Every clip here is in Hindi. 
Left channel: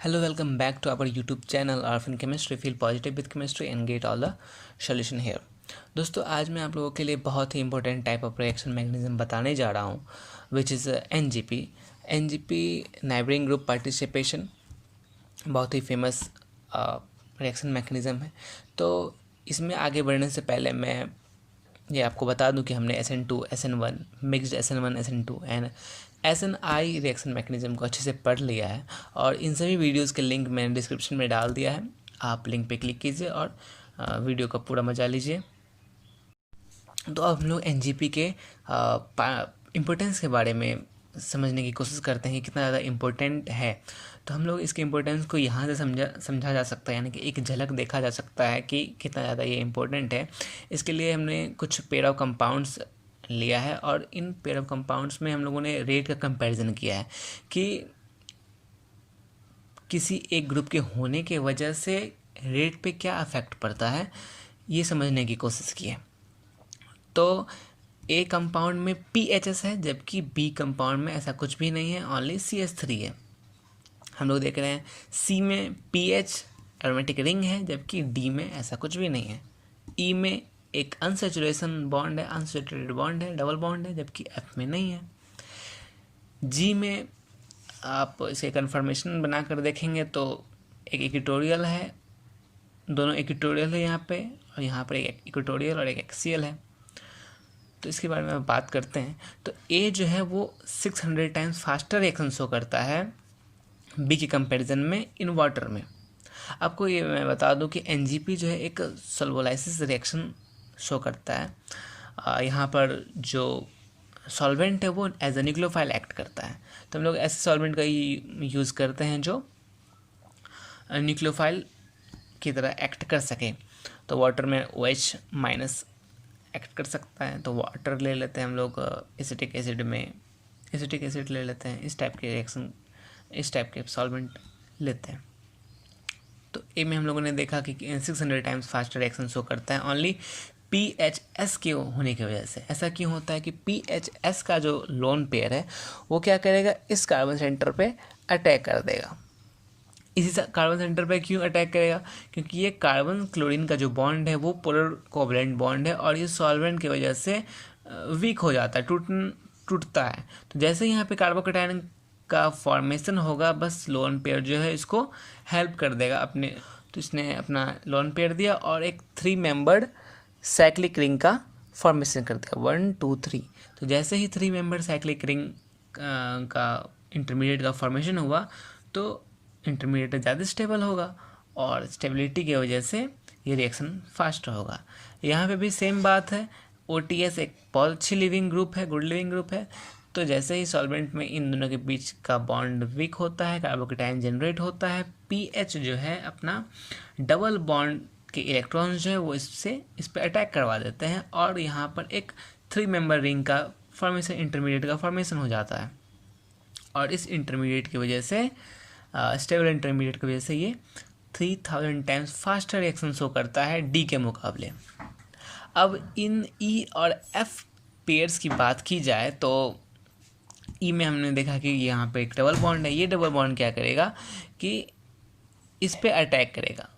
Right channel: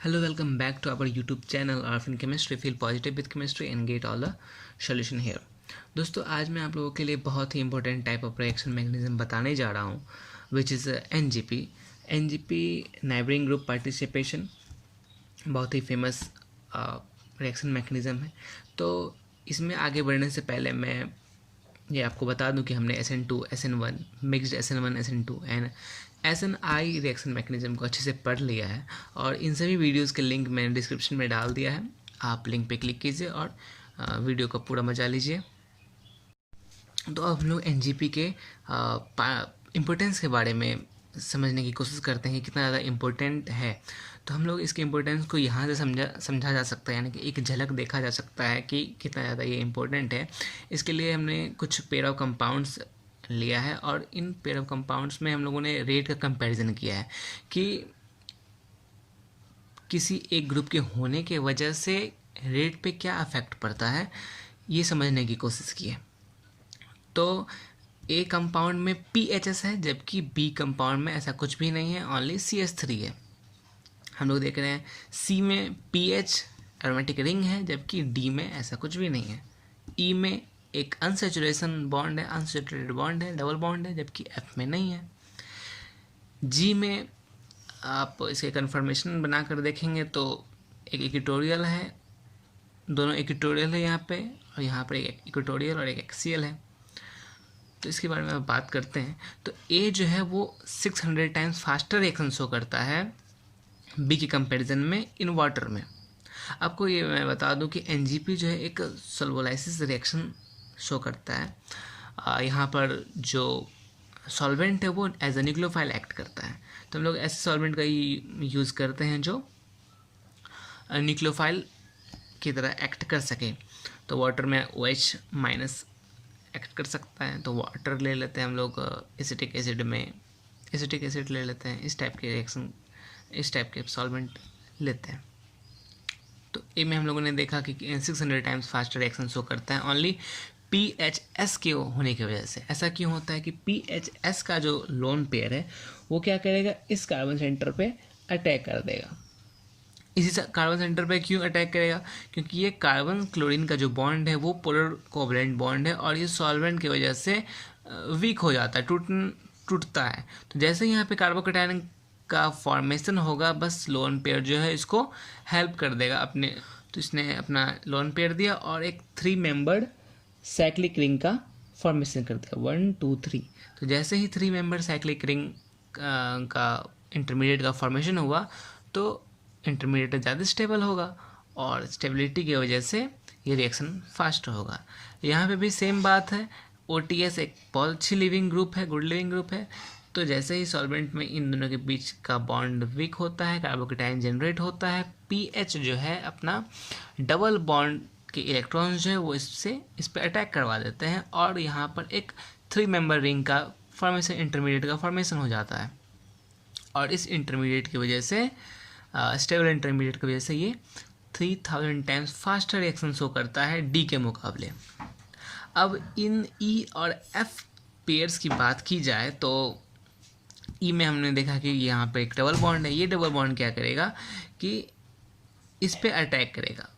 Hello, welcome back to our YouTube channel Orphan Chemistry. Feel positive with chemistry and get all the solution here. दोस्तों आज मैं आप लोगों के लिए बहुत ही important type of reaction mechanism बताने जा रहा हूँ which is NGP neighbouring group participation. बहुत ही फेमस रिएक्शन मैकेनिज्म है। तो इसमें आगे बढ़ने से पहले मैं ये आपको बता दूं कि हमने SN2, SN1, mixed SN1, SN2 and SNI reaction mechanism को अच्छे से पढ़ लिया है और इन सभी वीडियोस के लिंक मैंने डिस्क्रिप्शन में डाल दिया है। आप लिंक पे क्लिक कीजिए और वीडियो का पूरा मजा लीजिए। तो अब हम लोग एनजीपी के इम्पोर्टेंस के बारे में समझने की कोशिश करते हैं कि कितना ज़्यादा इम्पोर्टेंट है। तो हम लोग इसके इम्पोर्टेंस को यहाँ से समझा जा सकता है, यानी कि एक झलक देखा जा सकता है कि कितना ज़्यादा ये इम्पोर्टेंट है। इसके लिए हमने कुछ पेयर ऑफ कंपाउंड्स लिया है और इन पेयर ऑफ कंपाउंड्स में हम लोगों ने रेट का कंपैरिजन किया है कि किसी एक ग्रुप के होने के वजह से रेट पे क्या इफेक्ट पड़ता है, ये समझने की कोशिश की है। तो ए कंपाउंड में PHS है जबकि बी कंपाउंड में ऐसा कुछ भी नहीं है, ओनली CH3 है। हम लोग देख रहे हैं सी में PH एरोमेटिक रिंग है जबकि डी में ऐसा कुछ भी नहीं है। ई में एक अनसैचुरेशन बॉन्ड है, अनसैचुरेटेड बॉन्ड है, डबल बॉन्ड है, जबकि एफ में नहीं है। जी में आप इसे कन्फर्मेशन बनाकर देखेंगे तो एक इक्वेटोरियल है, दोनों इक्वेटोरियल है यहाँ पे, और यहाँ पर एक इक्वेटोरियल और एक एक्सियल है। तो इसके बारे में बात करते हैं। तो ए जो है वो 600 टाइम्स फास्टर रिएक्शन शो करता है बी के कंपैरिजन में इन वाटर में। आपको ये मैं बता दूं कि एनजीपी जो है एक सल्वोलाइसिस रिएक्शन शो करता है। यहाँ पर जो सॉल्वेंट है वो एज अ न्यूक्लियोफाइल एक्ट करता है। तो हम लोग ऐसे सॉल्वेंट का यूज़ करते हैं जो न्यूक्लियोफाइल की तरह एक्ट कर सके। तो वाटर में OH माइनस एक्ट कर सकता है, तो वाटर ले लेते हैं हम लोग। एसिटिक एसिड में एसिटिक एसिड ले लेते हैं। इस टाइप के रिएक्शन, इस टाइप के सॉल्वेंट लेते हैं। तो ए में हम लोगों ने देखा कि 600 टाइम्स फास्टर रिएक्शन शो करता है ओनली PHS के होने की वजह से। ऐसा क्यों होता है कि PHS का जो लोन पेयर है वो क्या करेगा, इस कार्बन सेंटर पे अटैक कर देगा। इसी कार्बन सेंटर पे क्यों अटैक करेगा, क्योंकि ये कार्बन क्लोरीन का जो बॉन्ड है वो पोलर कोवलेंट बॉन्ड है और ये सॉल्वेंट की वजह से वीक हो जाता है, टूटता है। तो जैसे यहाँ पे कार्बोकैटायन का फॉर्मेशन होगा, बस लोन पेयर जो है इसको हेल्प कर देगा अपने। तो इसने अपना लोन पेयर दिया और एक 3 मेंबर्ड साइक्लिक रिंग का फॉर्मेशन कर दिया, 1 2 3। तो जैसे ही 3 मेंबर साइक्लिक रिंग का इंटरमीडिएट का फॉर्मेशन हुआ तो इंटरमीडिएट ज़्यादा स्टेबल होगा और स्टेबिलिटी की वजह से ये रिएक्शन फास्ट होगा। यहाँ पे भी सेम बात है। OTS एक बहुत अच्छी लिविंग ग्रुप है, गुड लिविंग ग्रुप है। तो जैसे ही सॉल्वेंट में इन दोनों के बीच का बॉन्ड वीक होता है, कार्बोकैटायन जनरेट होता है, PH जो है अपना डबल बॉन्ड के इलेक्ट्रॉन्स जो है वो इस पर अटैक करवा देते हैं और यहाँ पर एक 3 मेंबर रिंग का फॉर्मेशन, इंटरमीडिएट का फॉर्मेशन हो जाता है। और इस इंटरमीडिएट की वजह से, स्टेबल इंटरमीडिएट की वजह से ये 3000 टाइम्स फास्टर रिएक्शन शो करता है डी के मुकाबले। अब इन E और F पेयर्स की बात की जाए तो E में हमने देखा कि यहाँ पे एक डबल बॉन्ड है। ये डबल बॉन्ड क्या करेगा कि इस पे अटैक करेगा,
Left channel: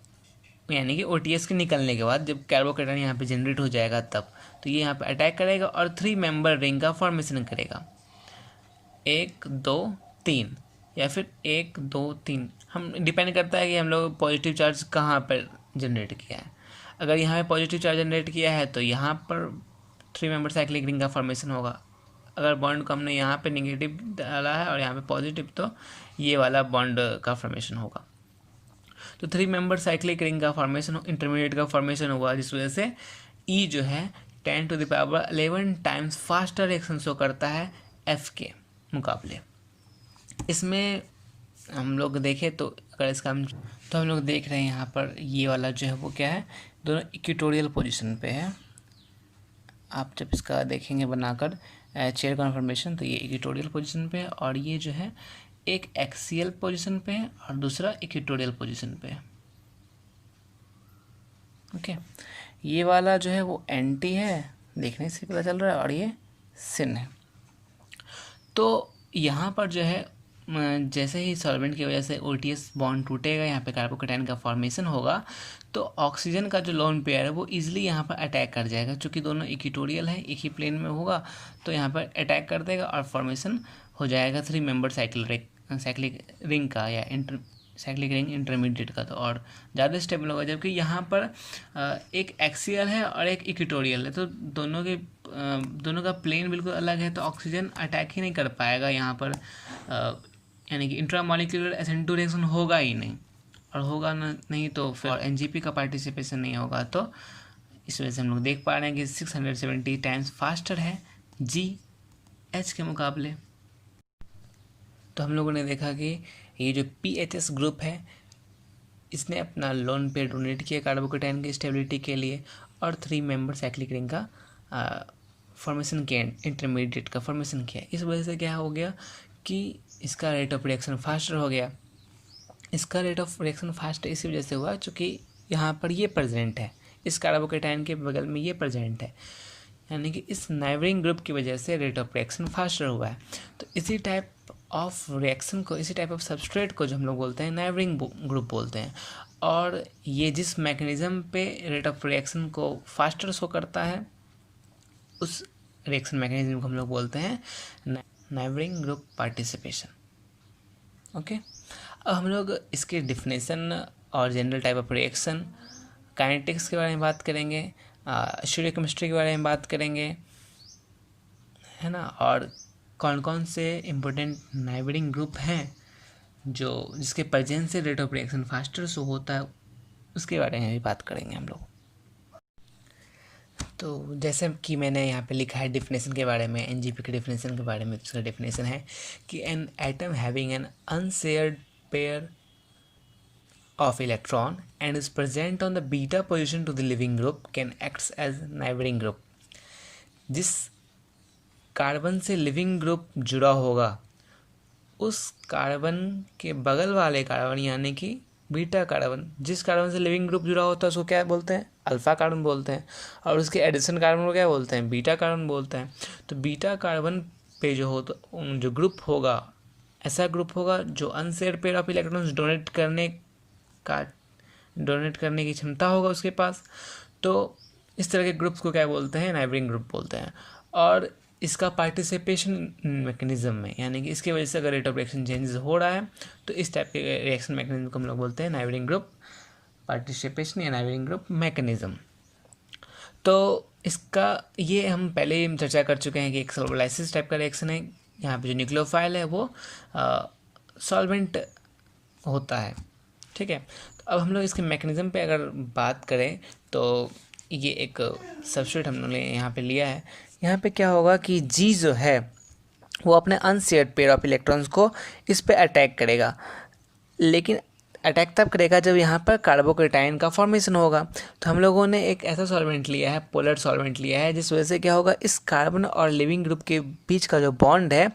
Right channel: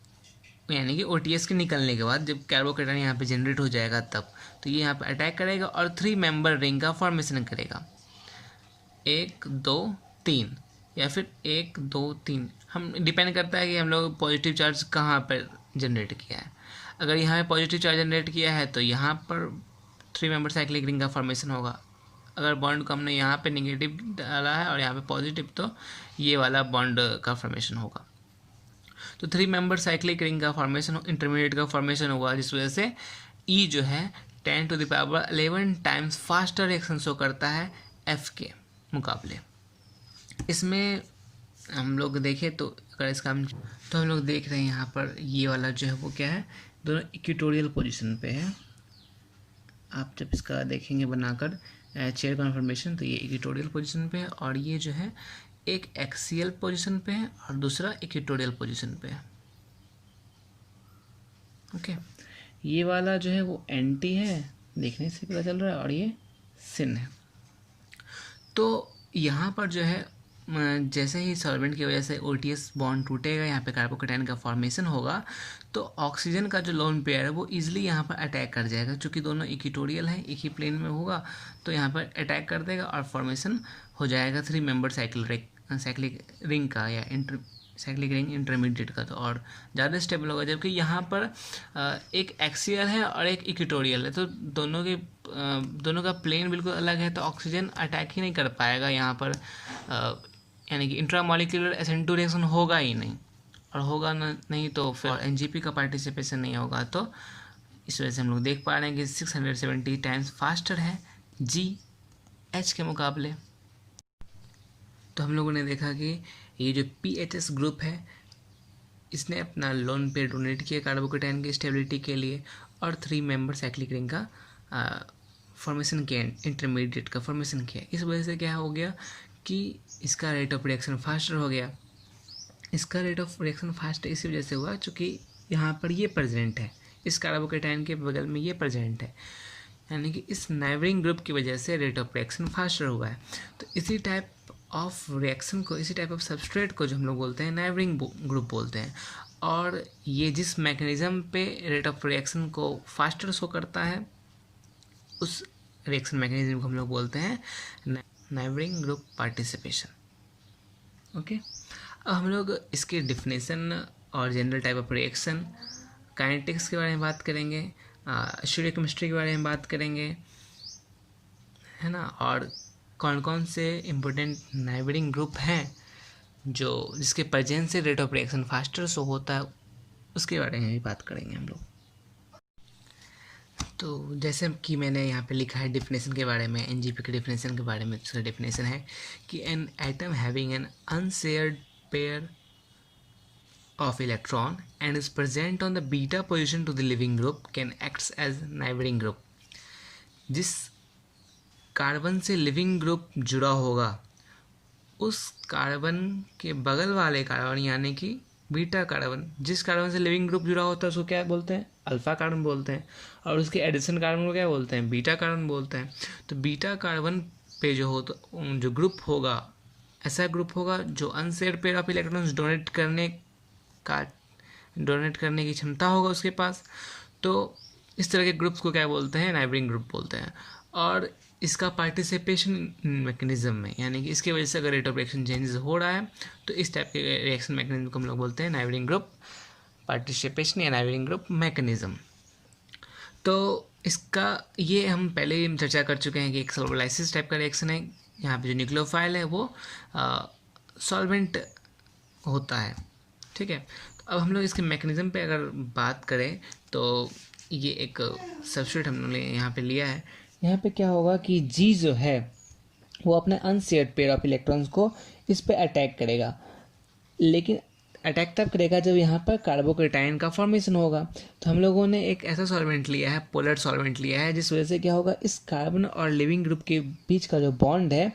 यानी कि OTS के निकलने के बाद जब कार्बोकैटायन यहाँ पे जनरेट हो जाएगा तब, तो ये यहाँ पे अटैक करेगा और 3 मेंबर रिंग का फॉर्मेशन करेगा, 1 2 3 या फिर 1 2 3। हम डिपेंड करता है कि हम लोग पॉजिटिव चार्ज कहाँ पर जनरेट किया है। अगर यहाँ पे पॉजिटिव चार्ज जनरेट किया है तो यहाँ पर 3 मेंबर साइक्लिक रिंग का फॉर्मेशन होगा। अगर बॉन्ड को हमने यहाँ पे नेगेटिव डाला है और यहाँ पे पॉजिटिव, तो ये वाला बॉन्ड का फॉर्मेशन होगा। तो 3 मेंबर साइक्लिक रिंग का फॉर्मेशन, इंटरमीडिएट का फॉर्मेशन हुआ, जिस वजह से E जो है 10⁻11 टाइम्स फास्टर रिएक्शन शो करता है F के मुकाबले। इसमें हम लोग देखें तो अगर इसका हम लोग देख रहे हैं यहाँ पर ये वाला जो है वो क्या है, दोनों इक्वेटोरियल पोजीशन पे है। आप जब इसका देखेंगे बनाकर चेयर कन्फर्मेशन, तो ये इक्वेटोरियल पोजीशन पे है और ये जो है एक एक्सियल पोजीशन पे है और दूसरा इक्वेटोरियल पोजीशन पे है। ओके, ये वाला जो है वो एंटी है, देखने से पता चल रहा है, और ये सिन है। तो यहाँ पर जो है जैसे ही सॉल्वेंट की वजह से OTS बॉन्ड टूटेगा, यहाँ पे कार्बोकेटाइन का फॉर्मेशन होगा, तो ऑक्सीजन का जो लोन पेयर है वो इजीली यहाँ पर अटैक कर जाएगा। चूँकि दोनों इक्वेटोरियल है, एक ही प्लेन में होगा, तो यहाँ पर अटैक कर देगा और फॉर्मेशन हो जाएगा 3 मेंबर साइक्लिक रिंग का या साइक्लिक रिंग इंटरमीडिएट का, तो और ज़्यादा स्टेबल होगा। जबकि यहाँ पर एक एक्सियल है और एक इक्वेटोरियल है, तो दोनों का प्लेन बिल्कुल अलग है, तो ऑक्सीजन अटैक ही नहीं कर पाएगा यहाँ पर, यानी कि इंट्रामॉलिक्यूलर SN2 रिएक्शन होगा ही नहीं, और होगा नहीं तो फिर NGP का पार्टिसिपेशन नहीं होगा। तो इस वजह से हम लोग देख पा रहे हैं कि 670 टाइम्स फास्टर है GH के मुकाबले। तो हम लोगों ने देखा कि ये जो PHS ग्रुप है, इसने अपना लोन पेयर डोनेट किया कार्बोकेटाइन की स्टेबिलिटी के लिए, और 3 मेंबर साइक्लिक रिंग का फॉर्मेशन किया, इंटरमीडिएट का फॉर्मेशन किया। इस वजह से क्या हो गया कि इसका रेट ऑफ रिएक्शन फास्टर हो गया। इसका रेट ऑफ रिएक्शन फास्ट इसी वजह से हुआ चूँकि यहाँ पर ये प्रेजेंट है, इस कार्बोकेटाइन के बगल में ये प्रेजेंट है, यानी कि इस नाइबरिंग ग्रुप की वजह से रेट ऑफ रिएक्शन फास्टर हुआ है। तो इसी टाइप ऑफ रिएक्शन को, इसी टाइप ऑफ सबस्ट्रेट को जो हम लोग बोलते हैं नाइबरिंग ग्रुप बोलते हैं, और ये जिस मैकेनिज्म पे रेट ऑफ रिएक्शन को फास्टर शो करता है, उस रिएक्शन मैकेनिज्म को हम लोग बोलते हैं नाइबरिंग ग्रुप पार्टिसिपेशन। ओके, अब हम लोग इसके डिफिनेशन और general type of reaction, kinetics के बारे में बात करेंगे, स्टीरियोकेमिस्ट्री के बारे में बात करेंगे, है ना, और कौन कौन से इम्पोर्टेंट नाइबरिंग ग्रुप हैं जो जिसके प्रेजेंस से rate of reaction faster show होता है, उसके बारे में भी बात करेंगे हम लोग। तो जैसे कि मैंने यहाँ पे लिखा है डिफिनेशन के बारे में, NGP के डिफिनेशन के बारे में, इसका डिफिनेशन है कि an atom having an unshared pair of electron and is present on the beta position to the leaving group can acts as neighboring group। जिस कार्बन से लिविंग ग्रुप जुड़ा होगा, उस कार्बन के बगल वाले कार्बन यानी कि बीटा कार्बन, जिस कार्बन से लिविंग ग्रुप जुड़ा होता है उसको क्या बोलते हैं? अल्फा कार्बन बोलते हैं, और उसके एडिशन कार्बन को क्या बोलते हैं? बीटा कार्बन बोलते हैं। तो बीटा कार्बन पे जो ग्रुप होगा, ऐसा ग्रुप होगा जो unshared pair of electrons donate करने की क्षमता होगा उसके पास। तो इस तरह के ग्रुप्स को क्या बोलते हैं? नाइबरिंग ग्रुप बोलते हैं। और इसका पार्टिसिपेशन मैकेनिज्म में, यानी कि इसकी वजह से अगर रेट ऑफ रिएक्शन चेंजेस हो रहा है तो इस टाइप के रिएक्शन मैकेनिज्म को हम लोग बोलते हैं नाइबरिंग ग्रुप पार्टिसिपेशन या नाइबरिंग ग्रुप मैकेनिज्म। तो इसका ये हम पहले ही चर्चा कर चुके हैं कि एक सॉल्वोलाइसिस टाइप का रिएक्शन है। यहाँ पे जो न्यूक्लियोफाइल है वो सॉल्वेंट होता है, ठीक है। तो अब हम लोग इसके मैकेनिज्म पे अगर बात करें तो ये एक सबस्ट्रेट हम लोग ने यहाँ पे लिया है। यहाँ पे क्या होगा कि जी जो है वो अपने अनशेयर्ड पेयर ऑफ इलेक्ट्रॉन्स को इस पे अटैक करेगा, लेकिन अटैक तब करेगा जब यहाँ पर कार्बोकेटाइन का फॉर्मेशन होगा। तो हम लोगों ने एक ऐसा सॉल्वेंट लिया है, पोलर सॉल्वेंट लिया है, जिस वजह से क्या होगा, इस कार्बन और लिविंग ग्रुप के बीच का जो बॉन्ड है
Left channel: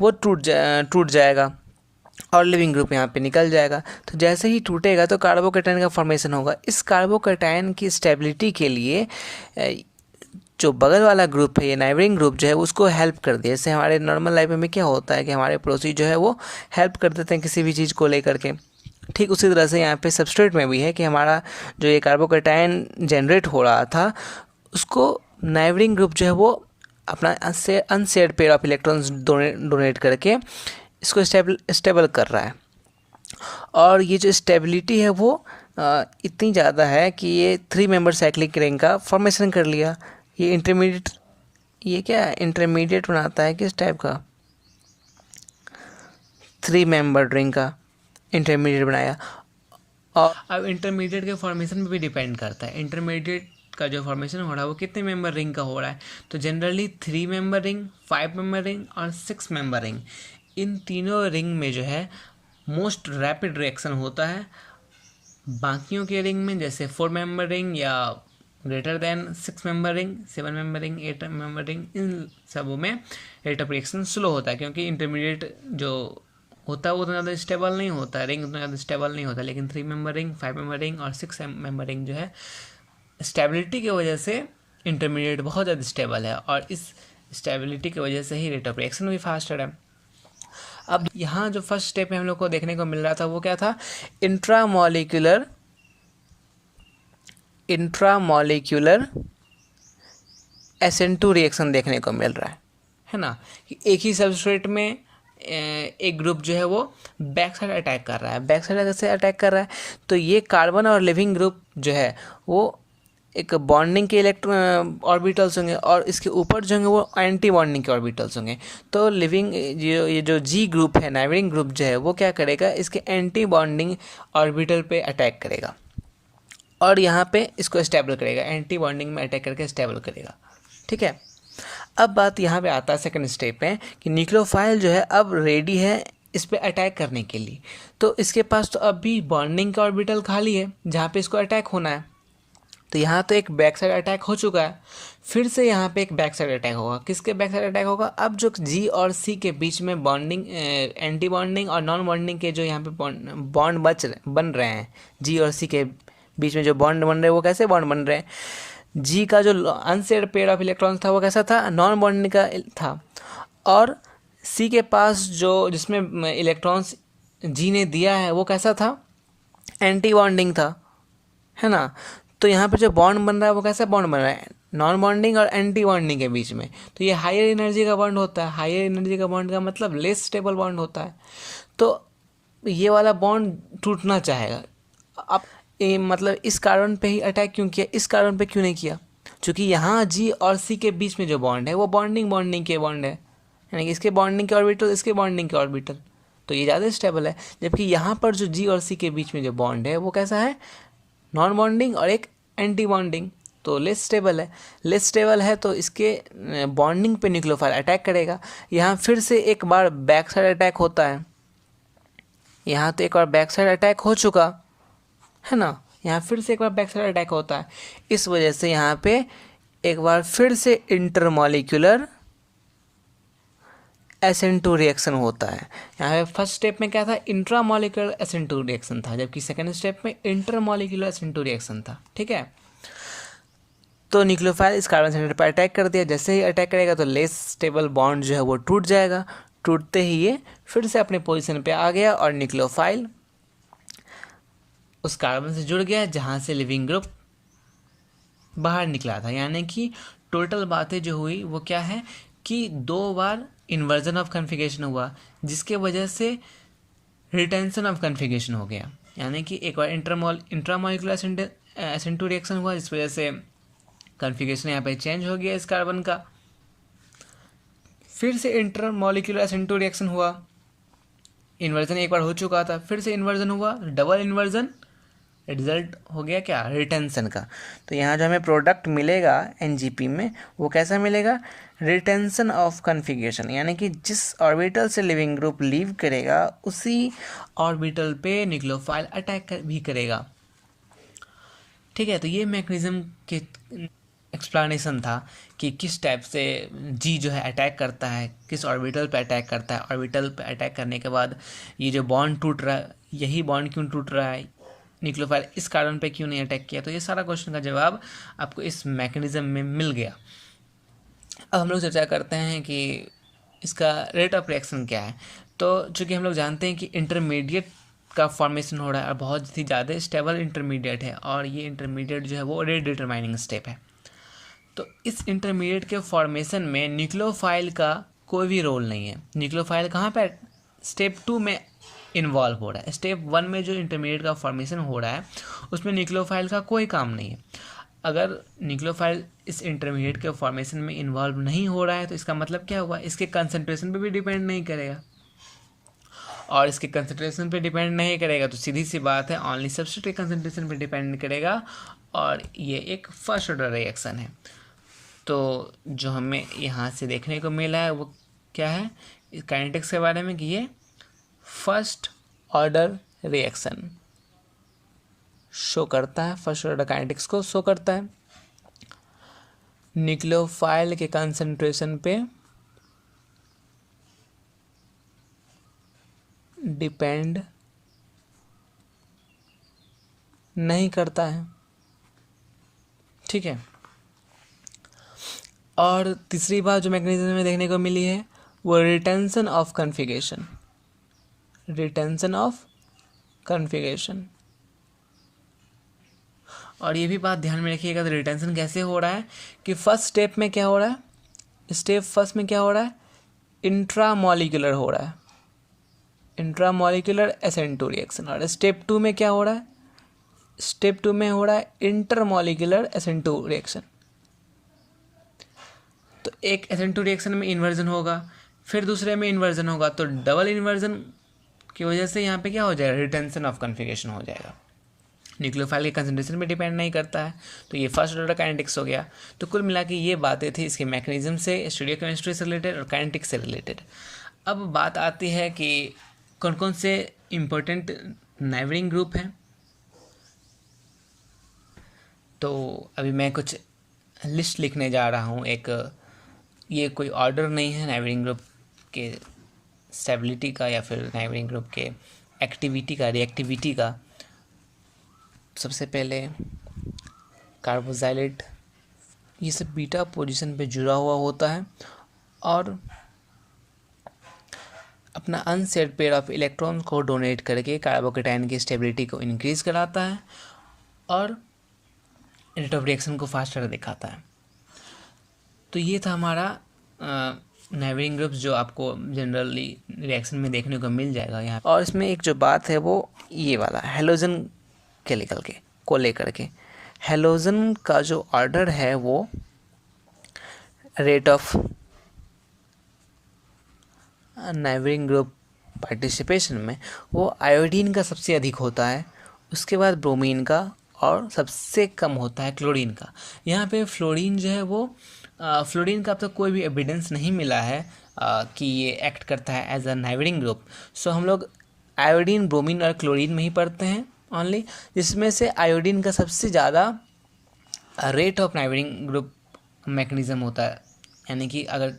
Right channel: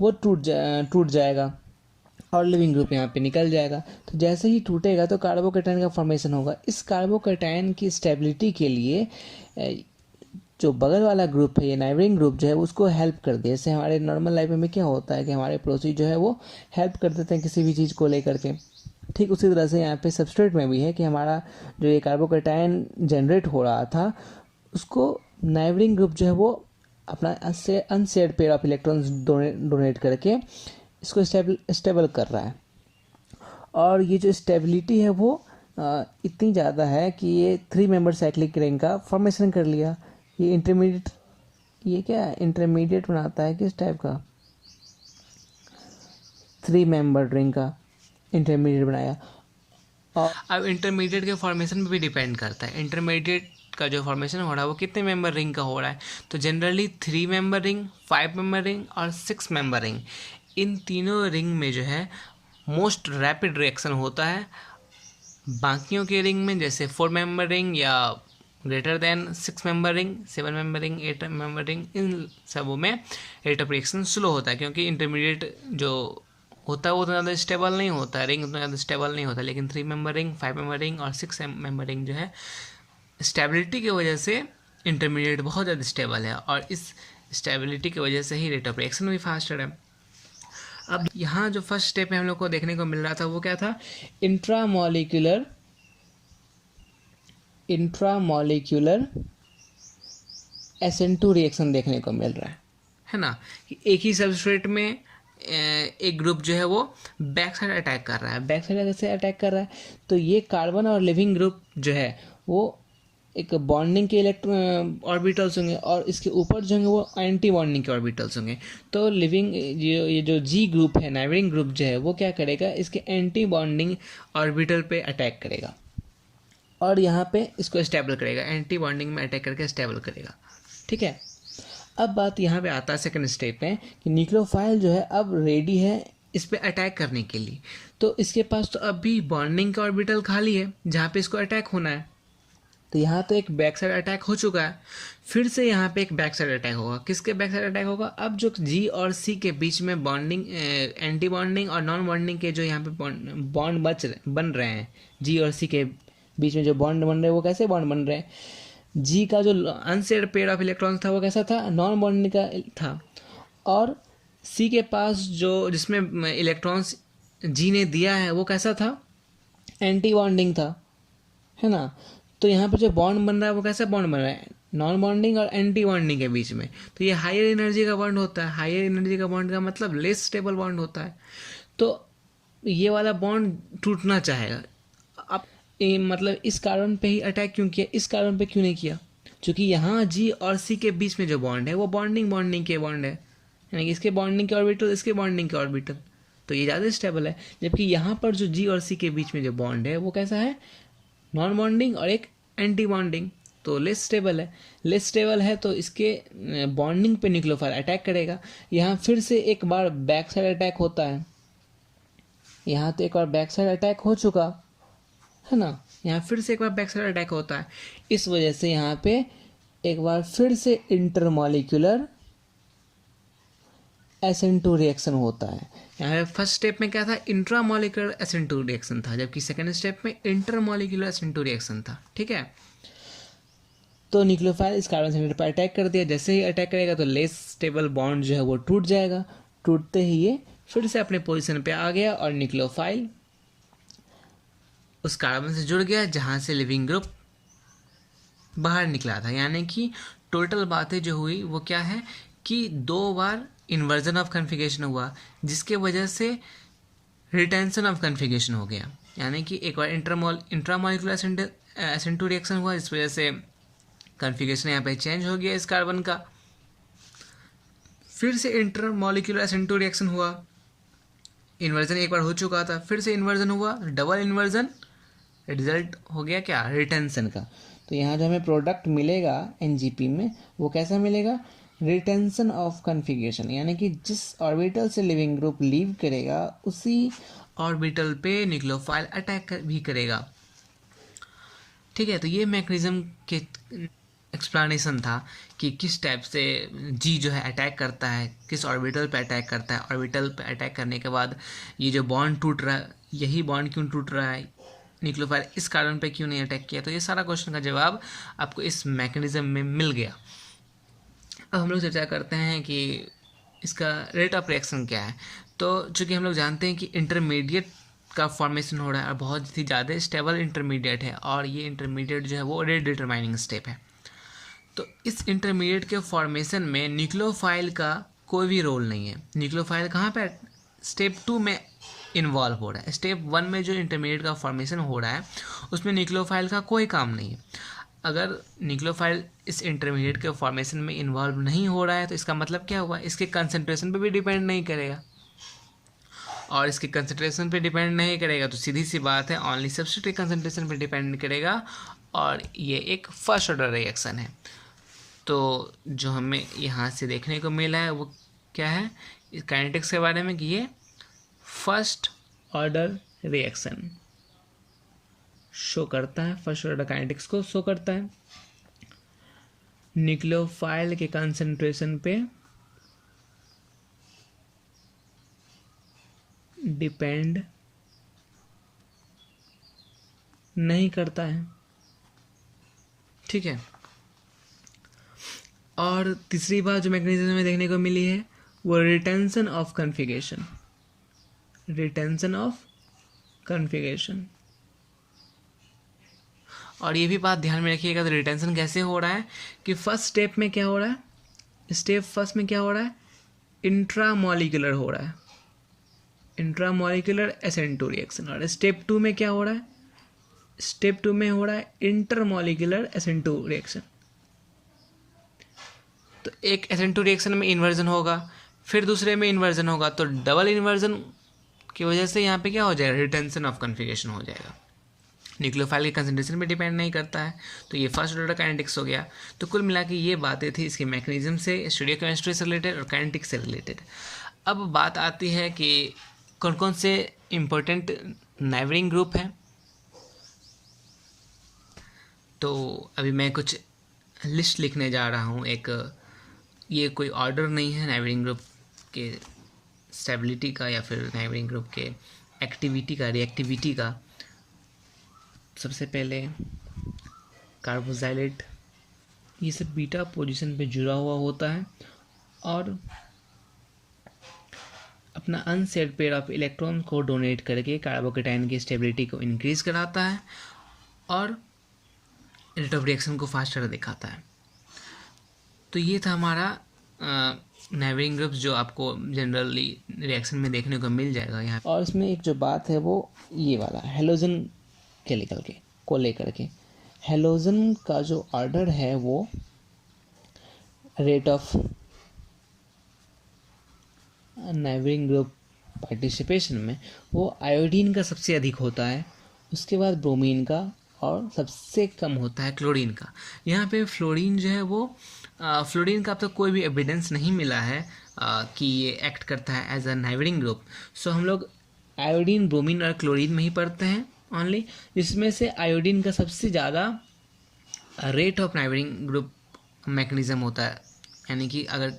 वो टूट जाएगा और लिविंग ग्रुप यहाँ पे निकल जाएगा। तो जैसे ही टूटेगा तो कार्बोकेटाइन का फॉर्मेशन होगा। इस कार्बोकेटाइन की स्टेबिलिटी के लिए जो बगल वाला ग्रुप है, ये नाइबरिंग ग्रुप जो है उसको हेल्प कर दे। जैसे हमारे नॉर्मल लाइफ में क्या होता है कि हमारे पड़ोसी जो है वो हेल्प कर देते हैं किसी भी चीज़ को लेकर के, ठीक उसी तरह से यहाँ पे सबस्ट्रेट में भी है कि हमारा जो ये कार्बोकेटाइन जनरेट हो रहा था उसको नाइबरिंग ग्रुप जो है वो अपना unshared pair of electrons donate करके इसको स्टेबल कर रहा है। और ये जो स्टेबिलिटी है वो इतनी ज़्यादा है कि ये 3 मेंबर साइक्लिक रिंग का फॉर्मेशन कर लिया। ये इंटरमीडिएट बनाता है किस टाइप का? 3 मेंबर रिंग का इंटरमीडिएट बनाया। और अब इंटरमीडिएट के फॉर्मेशन पे भी डिपेंड करता है, इंटरमीडिएट का जो फॉर्मेशन हो रहा है वो कितने मेंबर रिंग का हो रहा है। तो generally 3 member ring, 5 member ring और 6 मेंबर रिंग, इन तीनों रिंग में जो है मोस्ट रैपिड रिएक्शन होता है। बाकियों के रिंग में जैसे 4 मेंबर रिंग या greater than 6 member ring, 7 member ring, 8 member ring, इन सबों में रेट ऑफ रिएक्शन स्लो होता है, क्योंकि इंटरमीडिएट जो होता है वो उतना ज़्यादा स्टेबल नहीं होता, रिंग उतना ज़्यादा स्टेबल नहीं होता। लेकिन 3 मेंबर रिंग, 5 मेंबर रिंग और 6 मेंबर रिंग जो है स्टेबिलिटी की वजह से इंटरमीडिएट बहुत ज़्यादा स्टेबल है, और इस स्टेबिलिटी की वजह से ही रेट ऑफ रिएक्शन भी फास्टर है। अब यहाँ जो फर्स्ट स्टेप में हम लोग को देखने को मिल रहा था वो क्या था, इंट्रामॉलिक्यूलर SN2 रिएक्शन देखने को मिल रहा है ना। एक ही सबस्ट्रेट में एक ग्रुप जो है वो बैक साइड अटैक कर रहा है। बैक साइड कैसे अटैक कर रहा है, तो ये कार्बन और लिविंग ग्रुप जो है वो एक बॉन्डिंग के इलेक्ट्रॉन ऑर्बिटल्स होंगे और इसके ऊपर जो होंगे वो एंटी बॉन्डिंग के ऑर्बिटल्स होंगे। तो लिविंग ये जो जी ग्रुप है, नाइबरिंग ग्रुप जो है वो क्या करेगा, इसके एंटी बॉन्डिंग ऑर्बिटल पे अटैक करेगा और यहाँ पे इसको स्टेबल करेगा, एंटी बॉन्डिंग में अटैक करके स्टेबल करेगा। ठीक है, अब बात यहाँ पे आता है सेकंड स्टेप में कि न्यूक्लियोफाइल जो है अब रेडी है इस पे अटैक करने के लिए। तो इसके पास तो अभी बॉन्डिंग का ऑर्बिटल खाली है जहाँ पे इसको अटैक होना है। तो यहाँ तो एक बैक साइड अटैक हो चुका है, फिर से यहाँ पे एक बैक साइड अटैक होगा। किसके बैक साइड अटैक होगा, अब जो जी और सी के बीच में बॉन्डिंग, एंटी बॉन्डिंग और नॉन बॉन्डिंग के जो यहाँ पे बॉन्ड बन रहे हैं, जी और सी के बीच में जो बॉन्ड बन रहे हैं वो कैसे बॉन्ड बन रहे हैं, जी का जो अनसेड पेयर ऑफ इलेक्ट्रॉन्स था वो कैसा था, नॉन बॉन्डिंग का था, और सी के पास जो जिसमें इलेक्ट्रॉन्स जी ने दिया है वो कैसा था, एंटी बॉन्डिंग था, है ना। तो यहाँ पे जो बॉन्ड बन रहा है वो कैसा बॉन्ड बन रहा है, नॉन बॉन्डिंग और एंटी बॉन्डिंग के बीच में। तो ये हायर एनर्जी का बॉन्ड होता है। हायर एनर्जी का बॉन्ड का मतलब लेस स्टेबल बॉन्ड होता है। तो ये वाला बॉन्ड टूटना चाहेगा। अब मतलब इस कारण पे ही अटैक क्यों किया, इस कारण पे क्यों नहीं किया, क्योंकि यहाँ जी और सी के बीच में जो बॉन्ड है वो बॉन्डिंग के बॉन्ड है, यानी कि इसके बॉन्डिंग के ऑर्बिटल, इसके बॉन्डिंग के ऑर्बिटल, तो ये ज़्यादा स्टेबल है। जबकि यहाँ पर जो जी और सी के बीच में जो बॉन्ड है वो कैसा है, नॉन बॉन्डिंग और एक एंटी बॉन्डिंग, तो लेस स्टेबल है। लेस स्टेबल है तो इसके बॉन्डिंग पे न्यूक्लियोफाइल अटैक करेगा। यहाँ फिर से एक बार बैक साइड अटैक होता है, यहाँ तो एक बार बैक साइड अटैक हो चुका है ना, यहाँ फिर से एक बार बैक साइड अटैक होता है। इस वजह से यहाँ पे एक बार फिर से इंटरमॉलिक्यूलर SN2 रिएक्शन होता है। यहाँ पे फर्स्ट स्टेप में क्या था, इंट्रामॉलिक्यूलर SN2 रिएक्शन था, जबकि सेकेंड स्टेप में इंटरमॉलिक्यूलर SN2 रिएक्शन था। ठीक है, तो न्यूक्लियोफाइल इस कार्बन सेंटर पर अटैक कर दिया। जैसे ही अटैक करेगा तो लेस स्टेबल बॉन्ड जो है वो टूट जाएगा। टूटते ही ये फिर से अपने पोजीशन पे आ गया और न्यूक्लियोफाइल उस कार्बन से जुड़ गया जहाँ से लिविंग ग्रुप बाहर निकला था। यानी कि टोटल बातें जो हुई वो क्या है कि 2 बार इन्वर्जन ऑफ कन्फिगरेशन हुआ, जिसके वजह से रिटेंशन ऑफ कन्फिगरेशन हो गया। यानी कि एक बार इंट्रामॉलिक्यूलर SN2 रिएक्शन हुआ, इस वजह से कन्फिगरेशन यहाँ पे चेंज हो गया इस कार्बन का। फिर से इंटरमॉलिक्यूलर SN2 रिएक्शन हुआ, इन्वर्जन एक बार हो चुका था, फिर से इन्वर्जन हुआ, डबल इन्वर्जन, रिजल्ट हो गया क्या, रिटेंशन का। तो यहाँ जो हमें प्रोडक्ट मिलेगा NGP में वो कैसा मिलेगा, रिटेंशन ऑफ कन्फिगरेशन, यानी कि जिस ऑर्बिटल से लिविंग ग्रुप लीव करेगा उसी ऑर्बिटल पे न्यूक्लियोफाइल अटैक भी करेगा। ठीक है, तो ये मैकेनिज्म के एक्सप्लेनेशन था कि किस टाइप से जी जो है अटैक करता है, किस ऑर्बिटल पे अटैक करता है, ऑर्बिटल पे अटैक करने के बाद ये जो बॉन्ड टूट रहा है, यही बॉन्ड क्यों टूट रहा है, न्यूक्लियोफाइल इस कारण पे क्यों नहीं अटैक किया। तो ये सारा क्वेश्चन का जवाब आपको इस मैकेनिज्म में मिल गया। अब हम लोग चर्चा करते हैं कि इसका रेट ऑफ रिएक्शन क्या है। तो चूँकि हम लोग जानते हैं कि इंटरमीडिएट का फॉर्मेशन हो रहा है और बहुत ही ज़्यादा स्टेबल इंटरमीडिएट है, और ये इंटरमीडिएट जो है वो रेट डिटरमाइनिंग स्टेप है। तो इस इंटरमीडिएट के फॉर्मेशन में न्यूक्लियोफाइल का कोई भी रोल नहीं है। न्यूक्लियोफाइल कहाँ पे, स्टेप 2 में इन्वॉल्व हो रहा है। स्टेप 1 में जो इंटरमीडिएट का फॉर्मेशन हो रहा है उसमें न्यूक्लियोफाइल का कोई काम नहीं है। अगर न्यूक्लियोफाइल इस इंटरमीडिएट के फॉर्मेशन में इन्वॉल्व नहीं हो रहा है तो इसका मतलब क्या हुआ, इसके कंसंट्रेशन पे भी डिपेंड नहीं करेगा, और इसके कंसंट्रेशन पे डिपेंड नहीं करेगा तो सीधी सी बात है ओनली सब्स्ट्रेट के कंसंट्रेशन पे डिपेंड करेगा, और ये एक फर्स्ट ऑर्डर रिएक्शन है। तो जो हमें यहाँ से देखने को मिला है वो क्या है, काइनेटिक्स के बारे में, कि ये फर्स्ट ऑर्डर रिएक्शन शो करता है, फर्स्ट ऑर्डर काइनेटिक्स को शो करता है। न्यूक्लियोफाइल के कंसंट्रेशन पे डिपेंड नहीं करता है। ठीक है, और तीसरी बात जो मैकेनिज्म में देखने को मिली है वो retention of configuration. Retention of configuration. और ये भी बात ध्यान में रखिएगा, तो रिटेंशन कैसे हो रहा है कि फर्स्ट स्टेप में क्या हो रहा है, स्टेप फर्स्ट में क्या हो रहा है, इंट्रामॉलिक्यूलर हो रहा है, इंट्रामॉलिक्यूलर SN2 रिएक्शन। और स्टेप 2 में क्या हो रहा है, स्टेप 2 में हो रहा है इंटरमॉलिक्यूलर SN2 रिएक्शन। तो एक SN2 रिएक्शन में इन्वर्जन होगा, फिर दूसरे में इन्वर्जन होगा, तो डबल इन्वर्जन की वजह से यहाँ पे क्या हो जाएगा, रिटेंशन ऑफ कॉन्फ़िगरेशन हो जाएगा। न्यूक्लियोफाइल के कंसंट्रेशन पे डिपेंड नहीं करता है। तो ये फर्स्ट ऑर्डर काइनेटिक्स हो गया। तो कुल मिला के ये बातें थी इसके मैकेनिज्म से, स्टीरियोकेमिस्ट्री से रिलेटेड और काइनेटिक्स से रिलेटेड। अब बात आती है कि कौन कौन से इम्पोर्टेंट नाइबरिंग ग्रुप हैं। तो अभी मैं कुछ लिस्ट लिखने जा रहा हूँ। एक ये कोई ऑर्डर नहीं है नाइबरिंग ग्रुप के स्टेबिलिटी का या फिर नाइबरिंग ग्रुप के एक्टिविटी का, रिएक्टिविटी का। सबसे पहले कार्बोक्सिलेट, ये सब बीटा पोजीशन पे जुड़ा हुआ होता है और अपना अनसेट पेयर ऑफ इलेक्ट्रॉन्स को डोनेट करके कार्बोकेटाइन की स्टेबिलिटी को इंक्रीज कराता है और रेट ऑफ रिएक्शन को फास्टर दिखाता है। तो ये था हमारा नाइबरिंग ग्रुप्स जो आपको जनरली रिएक्शन में देखने को मिल जाएगा यहाँ। और इसमें एक जो बात है वो ये वाला हैलोजन केमिकल के को लेकर के, हैलोजन का जो ऑर्डर है वो rate of neighbouring group participation में वो आयोडीन का सबसे अधिक होता है, उसके बाद ब्रोमीन का और सबसे कम होता है क्लोरीन का। यहाँ पे फ्लोरीन जो है वो फ्लोरीन का अब तक कोई भी एविडेंस नहीं मिला है कि ये एक्ट करता है एज अ नाइबरिंग ग्रुप। सो हम लोग आयोडीन, ब्रोमीन और क्लोरीन में ही पढ़ते हैं ओनली, जिसमें से आयोडीन का सबसे ज़्यादा rate of neighbouring group mechanism होता है। यानी कि अगर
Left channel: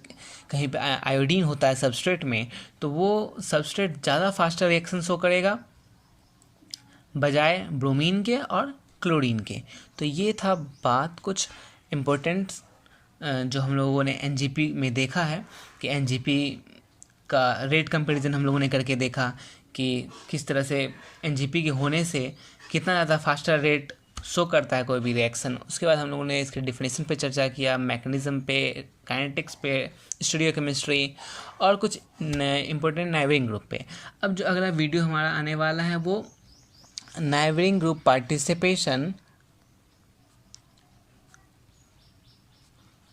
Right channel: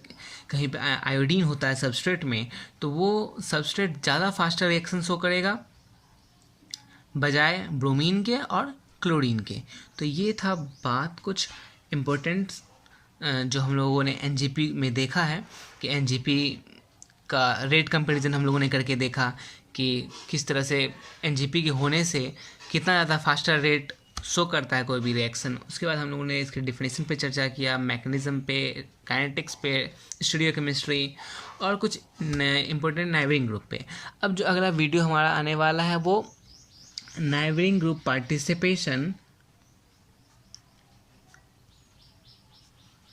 कहीं पे आयोडीन होता है सबस्ट्रेट में तो वो सबस्ट्रेट ज़्यादा फास्टर रिएक्शन शो करेगा बजाय ब्रोमीन के और क्लोरीन के। तो ये था बात कुछ इम्पोर्टेंट जो हम लोगों ने एनजीपी में देखा है कि एनजीपी का रेट कंपैरिजन हम लोगों ने करके देखा कि किस तरह से एनजीपी के होने से कितना ज़्यादा फास्टर रेट शो करता है कोई भी रिएक्शन। उसके बाद हम लोगों ने इसके डिफिनेशन पे चर्चा किया, मैकेनिज्म पे, काइनेटिक्स पे, स्टीरियोकेमिस्ट्री और कुछ इम्पोर्टेंट नाइबरिंग ग्रुप पे। अब जो अगला वीडियो हमारा आने वाला है वो neighbouring group participation,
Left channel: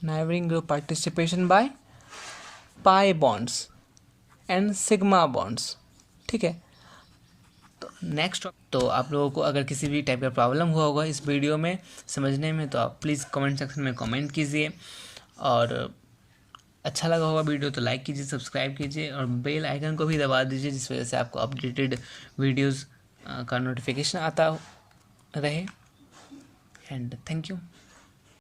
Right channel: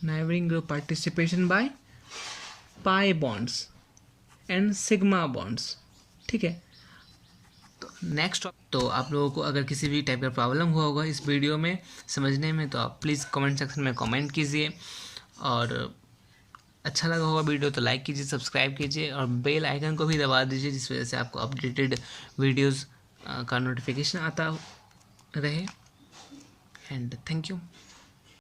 neighbouring group participation by pi bonds and sigma bonds. ठीक है, तो नेक्स्ट। तो आप लोगों को अगर किसी भी टाइप का प्रॉब्लम हुआ होगा इस वीडियो में समझने में तो आप प्लीज़ कमेंट सेक्शन में कमेंट कीजिए, और अच्छा लगा होगा वीडियो तो लाइक कीजिए, सब्सक्राइब कीजिए और बेल आइकन को भी दबा दीजिए, जिस वजह से आपको अपडेटेड वीडियोज़ का नोटिफिकेशन आता रहे। And thank you.